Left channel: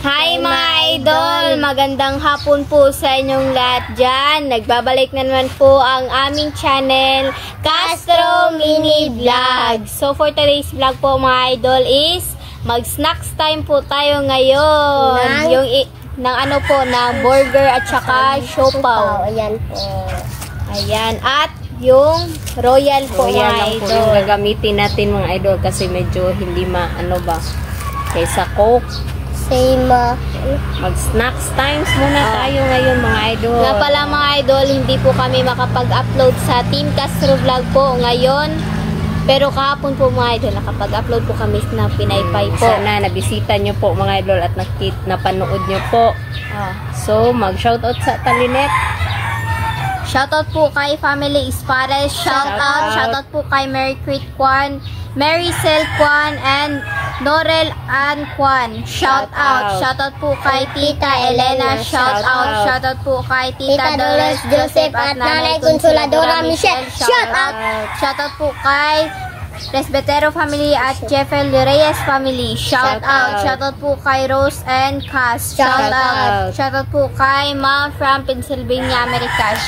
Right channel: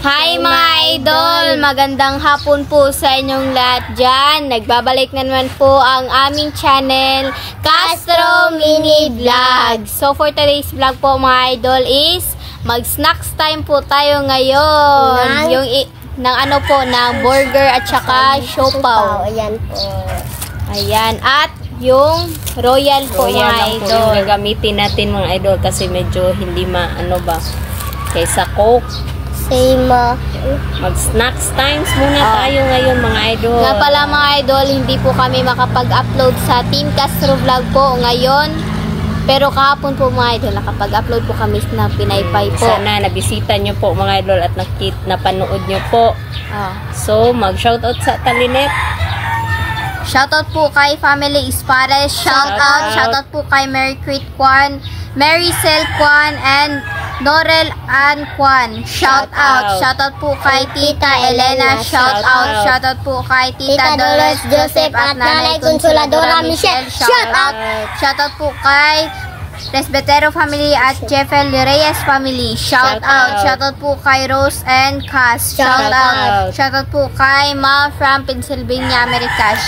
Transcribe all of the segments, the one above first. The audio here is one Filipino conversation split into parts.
Hi mga idol! Magandang hapon po sa inyong lahat dyan. Nagbabalik na naman po ang aming channel, Castro Mini Vlog. So for today's vlog po mga idol is mag-snacks time po tayo ngayon. Ng burger at saka siopaw. Ayan po. Ayan. At yung royal po mga idol. Yung gagamitin natin mga idol kasi medyo hindi kaysa Coke. Mag-snacks times muna tayo ngayon mga idol. Nga pala mga idol, hindi po kami makapag-upload sa Team Castro Vlog po ngayon. Pero kahapon po mga idol, nakapag-upload po kami na Pinaypay po. Sana nabisita nyo po mga idol at napanood nyo po. So, mag-shoutout sa Talinet. Shoutout po kay Family Espares. Shoutout po kay Mary Crit Kwan, Mary Cel Kwan, and Norel Ann Kwan. Shoutout po kay Tita Elena. Shoutout po kay Tita Dolores Joseph at Nanay Consoladora Michelle. Shoutout po kay Presbitero family at Jeffel Reyes family. Shoutout po kay Rose and Cass. Shoutout po kay Ma from Pennsylvania, America.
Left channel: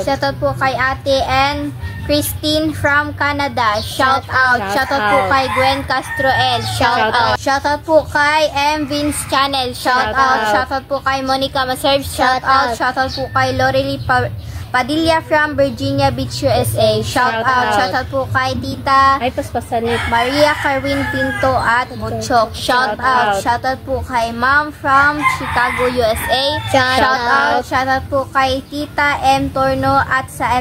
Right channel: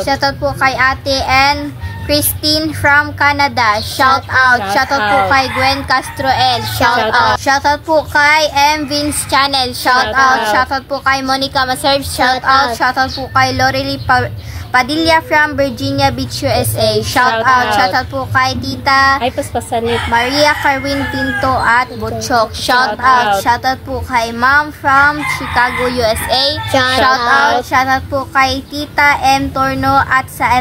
Shoutout po kay Ate and Christine from Canada. Shoutout po kay Gwen Castro L. Shoutout po kay M. Vince Channel. Shoutout po kay Monica Maserve. Shoutout po kay Lorely Padilla from Virginia Beach, USA. Shoutout po kay Tita Maria Carwin Pinto at Butchok. Shoutout po kay Mom from Chicago, USA. Shoutout po kay Tita M. Torno at sa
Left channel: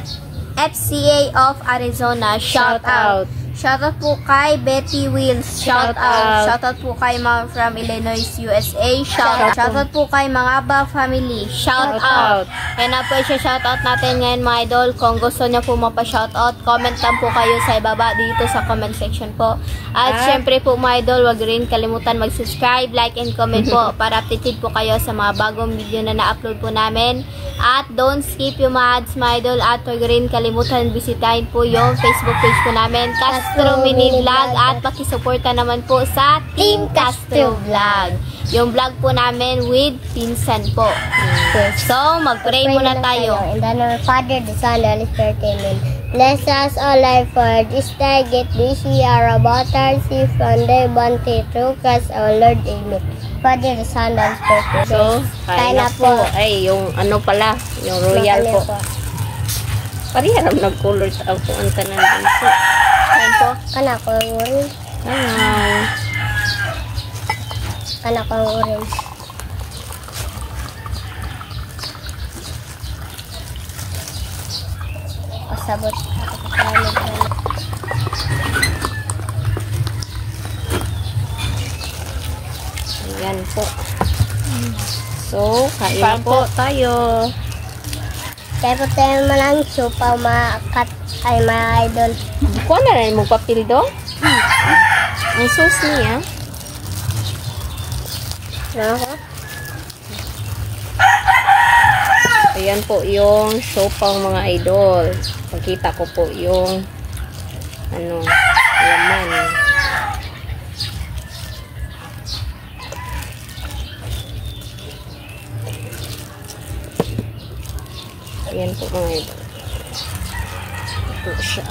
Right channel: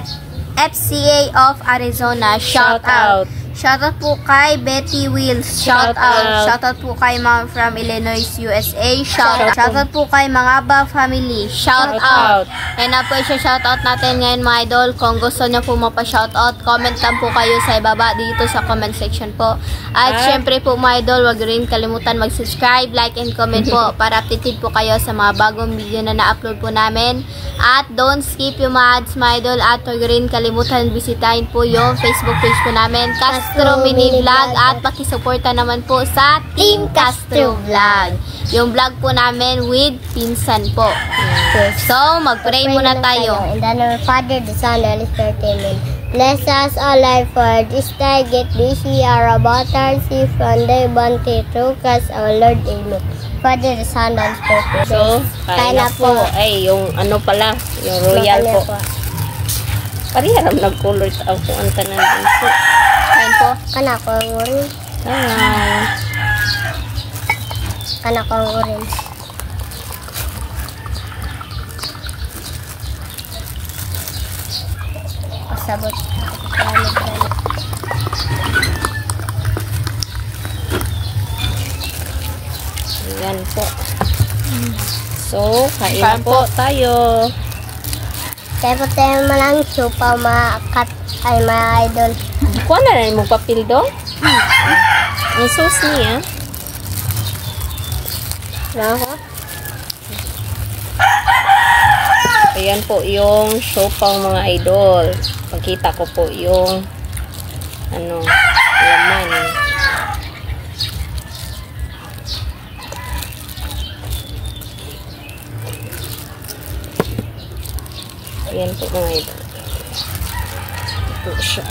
FCA of Arizona. Shoutout po kay Betty Wills. Shoutout po kay Mom from Illinois, USA. Shoutout po kay Mangaba family. Shoutout. Yan na po yung shoutout natin ngayon mga idol. Kung gusto nyo po mapa-shoutout, comment lang po kayo sa ibaba dito sa comment section po. At syempre po mga idol, wag rin kalimutan mag-subscribe, like, and comment po para updated po kayo sa mga bagong video na na-upload po namin. At don't skip yung mga ads mga idol. At wag rin kalimutan bisitahin po yung Facebook page po namin, Castro Mini Vlog, at pakisuporta naman po sa Team Castro Vlog. Yung vlog po namin with pinsan po. So, mag-pray muna tayo. In the name of Father, the Son, and the Holy Spirit, amen. Bless us all life for this day, get this year about our see from the bounty through Christ our Lord, amen. Father, the Son, and the Holy Spirit. So, kain na po. Ay, yung yung royal po. Pariharap nag-color sa ako ang tanan din po. Kain po. Kana ko ang orange. Kana ko ang orange. Pasabot ako sa kanila. Ayan po. So, kain po tayo. Kaya po tayo malang siopaw maakat ay mga idol. Kuha na rin mong papel dong. Ang sauce niya. Ayan po yung siopaw mga idol. Pagkita ko po yung laman. Ayan po mga idol. Ito siya.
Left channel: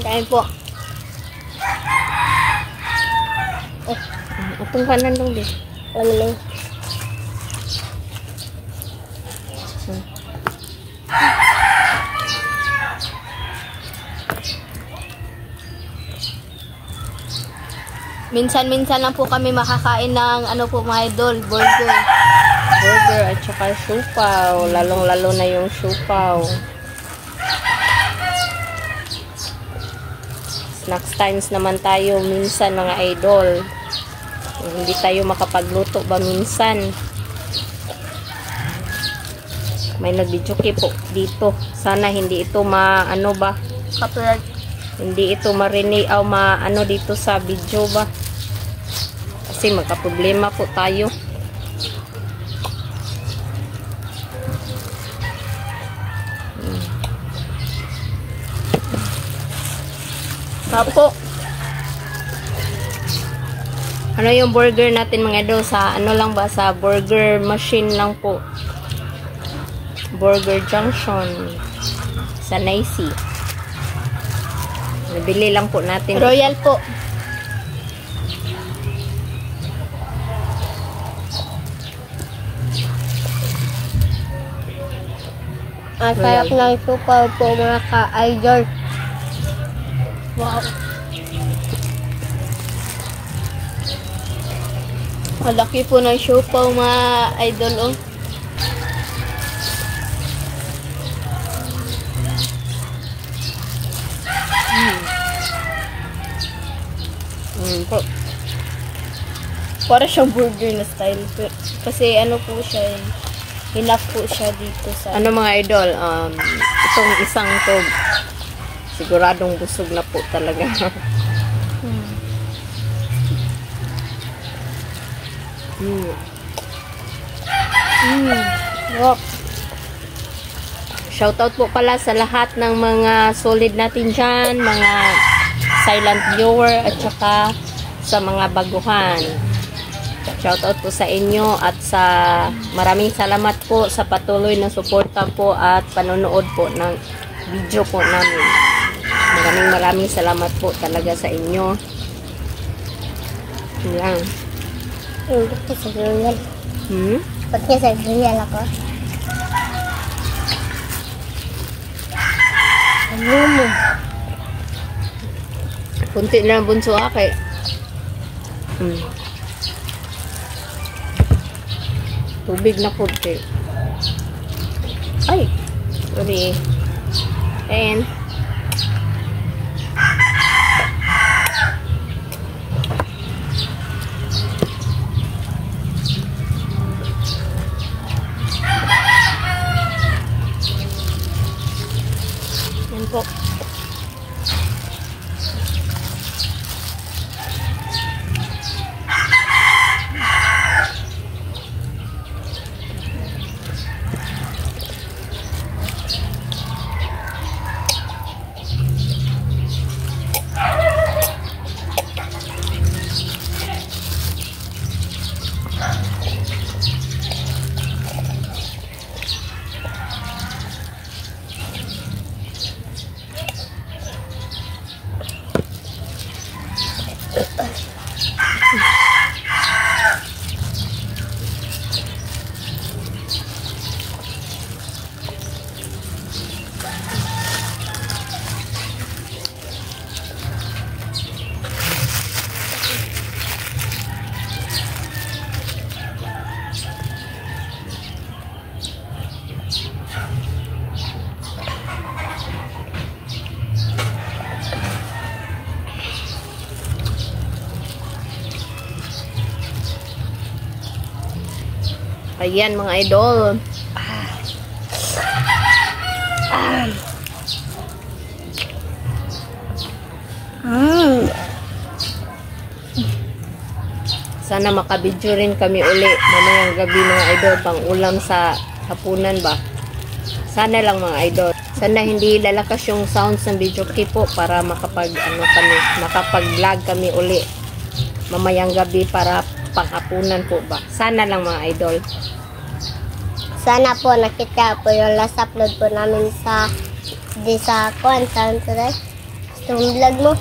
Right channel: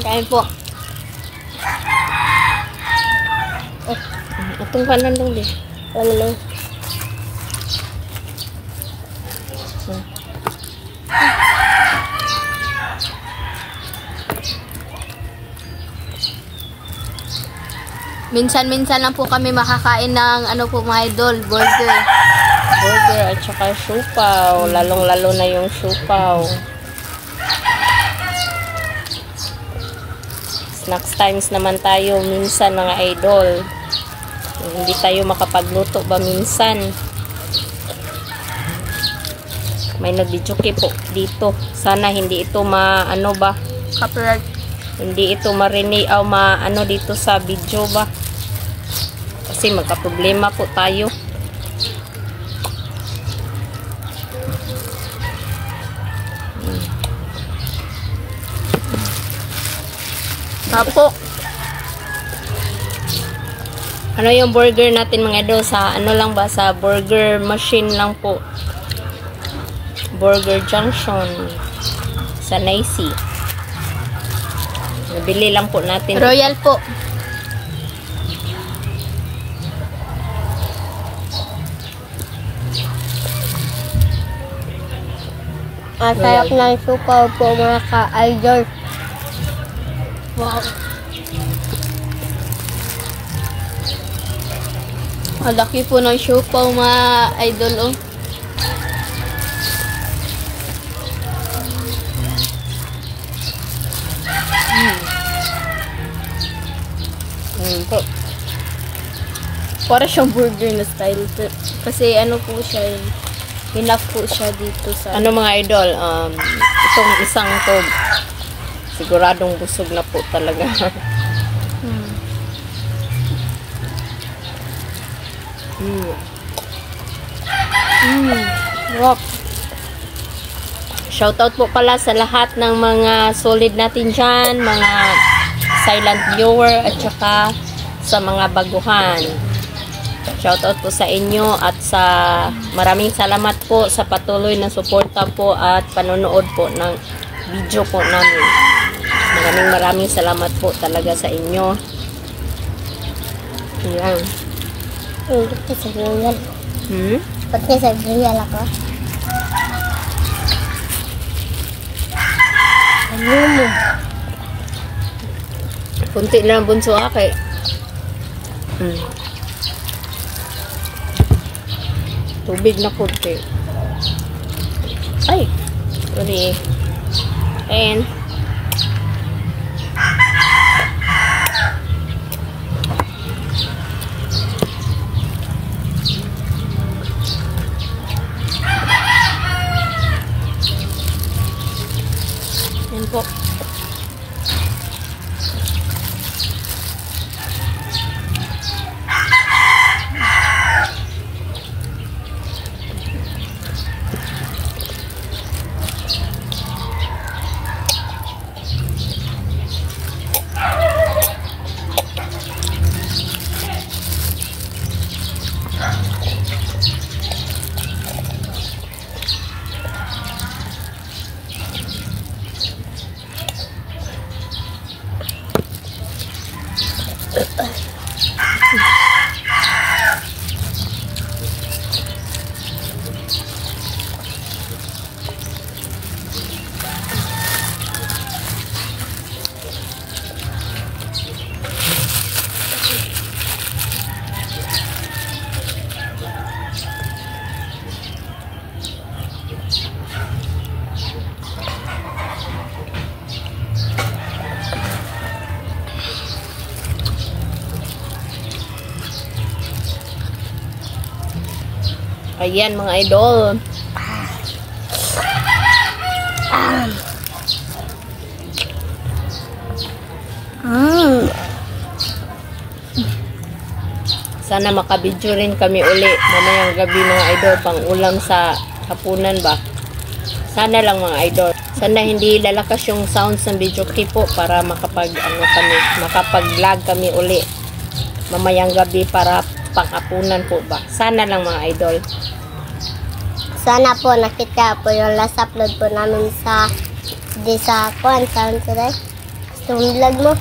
Kain po. Itong kanan dong din. Ano? Minsan-minsan lang po kami makakain ng mga idol, burger At saka siopaw. Lalong-lalo na yung siopaw. Snacks times naman tayo minsan mga idol. Hindi tayo makapagluto ba minsan. May nagdijuki po dito. Sana hindi ito copyright. Hindi ito marinig o dito sa video ba. Kasi magka-problema po tayo. Apo. Ano yung burger natin mga idol? Sa ano lang ba? Sa burger machine lang po. Burger Junction. Sa Nicey. Nabili lang po natin. Royal po. Ang sarap ng suka po mga ka-idol. Wow. Malaki po ng siopaw mga idol, oh. Po. Para siyang burger na style. Kasi ano po siya, enough po siya dito sa... Ano mga idol, itong isang to, siguradong busog na po talaga. Wow. Shoutout po pala sa lahat ng mga solid natin dyan, mga silent viewer at saka sa mga baguhan. Shoutout po sa inyo at sa maraming salamat po sa patuloy na suporta po at panonood po ng video po namin. Maraming salamat po talaga sa inyo. Yan. Ba't sa royal? Ba't sa royal ako? Ano mo? Kunti lang bunso kay. Tubig na punti. Ay, sorry. And yan po. Ayan mga idol. Sana makabidyo rin kami uli mamayang gabi mga idol, pang ulam sa hapunan ba. Sana lang mga idol. Sana hindi lalakas yung sounds ng video clip po para makapag makapag-vlog kami uli mamayang gabi para pang-hapunan po ba. Sana lang mga idol. Sana po nakita po yung last upload po namin sa saan today? Gusto mong vlog mo?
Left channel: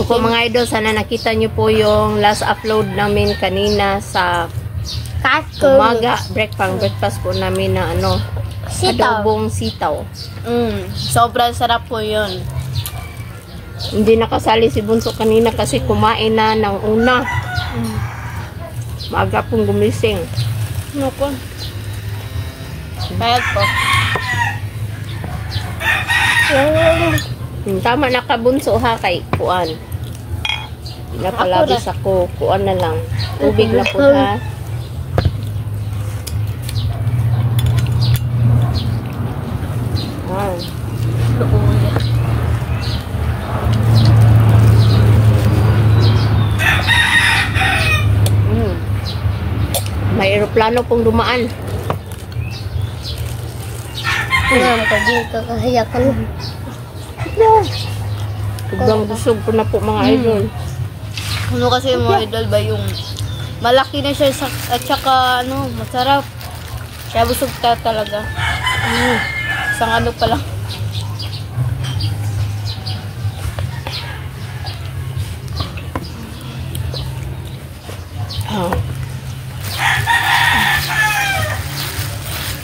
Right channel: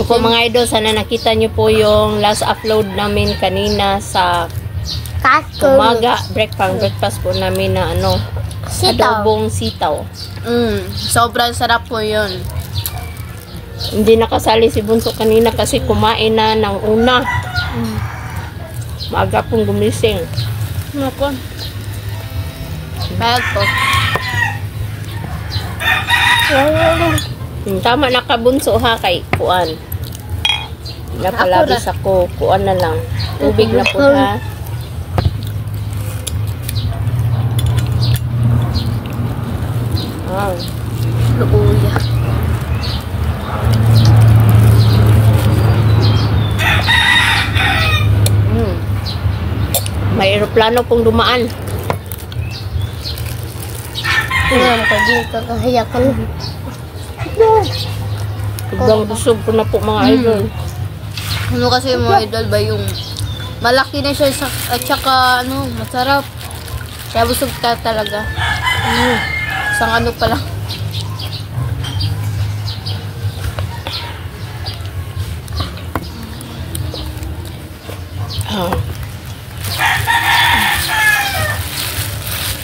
Po mga idol, sana nakita nyo po yung last upload namin kanina sa umaga, breakfast po namin na Sitaw. adobong sitaw. Sobrang sarap po yun. Hindi nakasali si Bunso kanina kasi kumain na ng una. Maaga pong gumising. Naku. Bayad po. Tama na ka Bunso ha kay kuan. Napalabis ako. Kuan na lang. Tubig na po ha. Luuya. May eroplano pong dumaan. Alam ko dito kahayakan. Sobrang busog ko na po mga idol. Ano kasi mga idol ba yung malaki na siya at saka ano, masarap. Kaya busog ka talaga. Isang ano pa lang.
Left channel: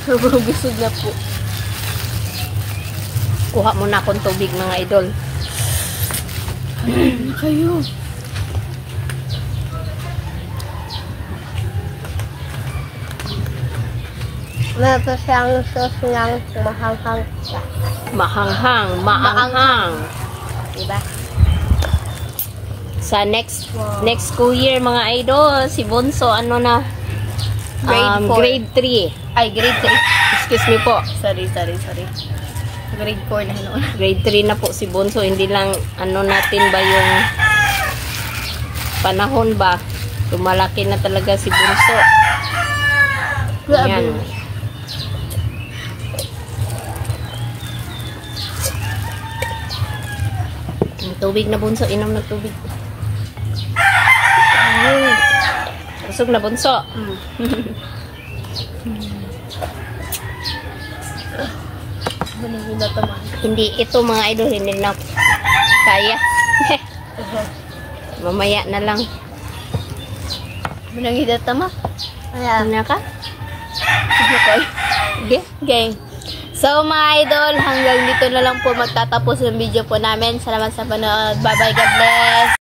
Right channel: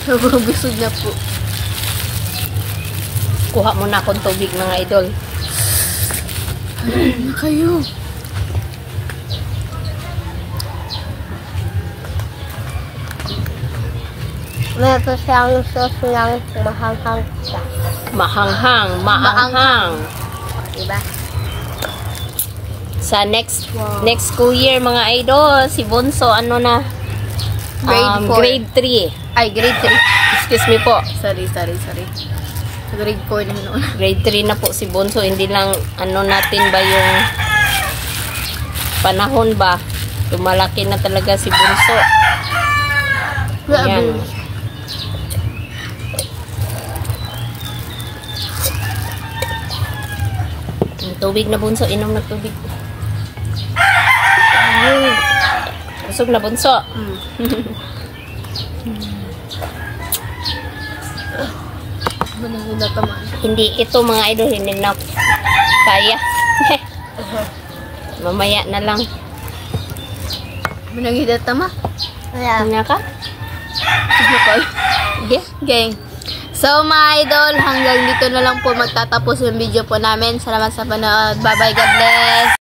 Sobrang busog na po. Kuha muna akong tubig mga idol. Na kayo. Meron pa siyang sauce ng mahanghang siya. Maanghang. Diba? Sa next school year mga idol, si Bunso ano na? Grade 4. Grade 3. Ay, grade 3. Excuse me po. Sorry. Grade 4 na noon. Grade 3 na po si Bunso. Hindi lang ano natin ba yung panahon ba? Tumalaki na talaga si Bunso. Ayan. Tubig na Bunso. Inom na tubig. Busog na Bunso. Hindi ito mga idol, hindi na kaya. Mamaya na lang. Manangida tama. Ano ka? Gang. So mga idol, hanggang dito na lang po magtatapos yung video po namin. Salamat sa panood. Bye bye, God bless.